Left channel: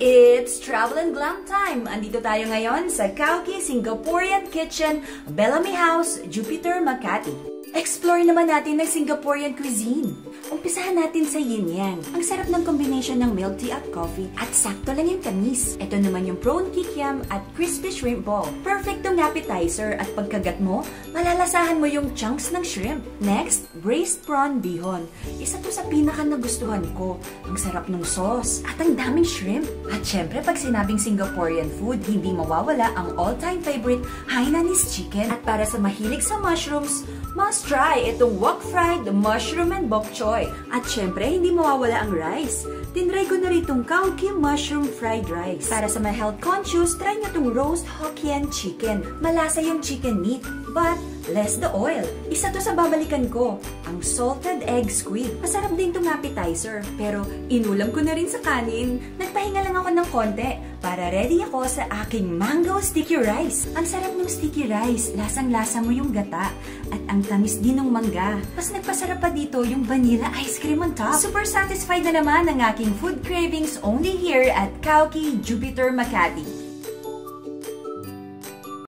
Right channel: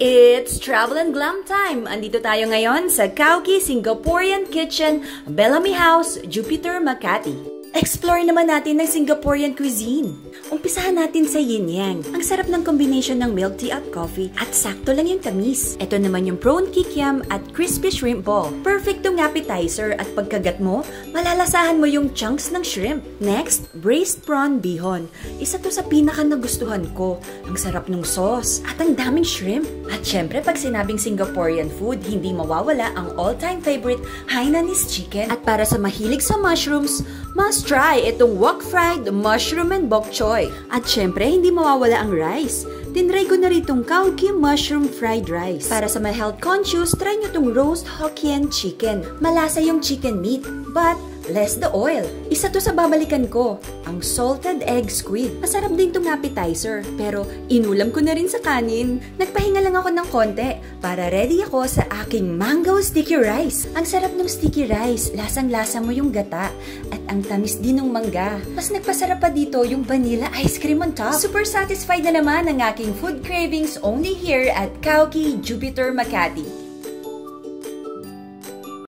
It's Travel and Glam time! Andito tayo ngayon sa Kauki Singaporean Kitchen, Bellamy House, Jupiter, Makati. Explore naman natin ng Singaporean cuisine. Umpisahan natin sa yin yang. Ang sarap ng combination ng milk tea at coffee at sakto lang yung tamis. Ito naman yung prawn kikiam at crispy shrimp ball. Perfect tong appetizer at pagkagat mo, malalasahan mo yung chunks ng shrimp. Next, braised prawn bihon. Isa to sa pinaka nagustuhan ko. Ang sarap ng sauce at ang daming shrimp. At syempre, pag sinabing Singaporean food, hindi mawawala ang all-time favorite Hainanese chicken. At para sa mahilig sa mushrooms, must try itong wok fried mushroom and bok choy. At syempre, hindi mawawala ang rice. Tinry ko na ritong Kauki mushroom fried rice. Para sa mga health conscious, try nyo itong roast Hokkien chicken. Malasa yung chicken meat, but less the oil. Isa to sa babalikan ko, ang salted egg squid. Masarap din itong appetizer, pero inulam ko na rin sa kanin. Nagpahinga lang ako ng konti para ready ako sa aking mango sticky rice. Ang sarap ng sticky rice, lasang-lasa mo yung gata at ang tamis din ng mangga. Mas nagpasarap pa dito yung vanilla ice cream on top. Super satisfied na naman ang aking food cravings only here at Kauki, Jupiter, Makati.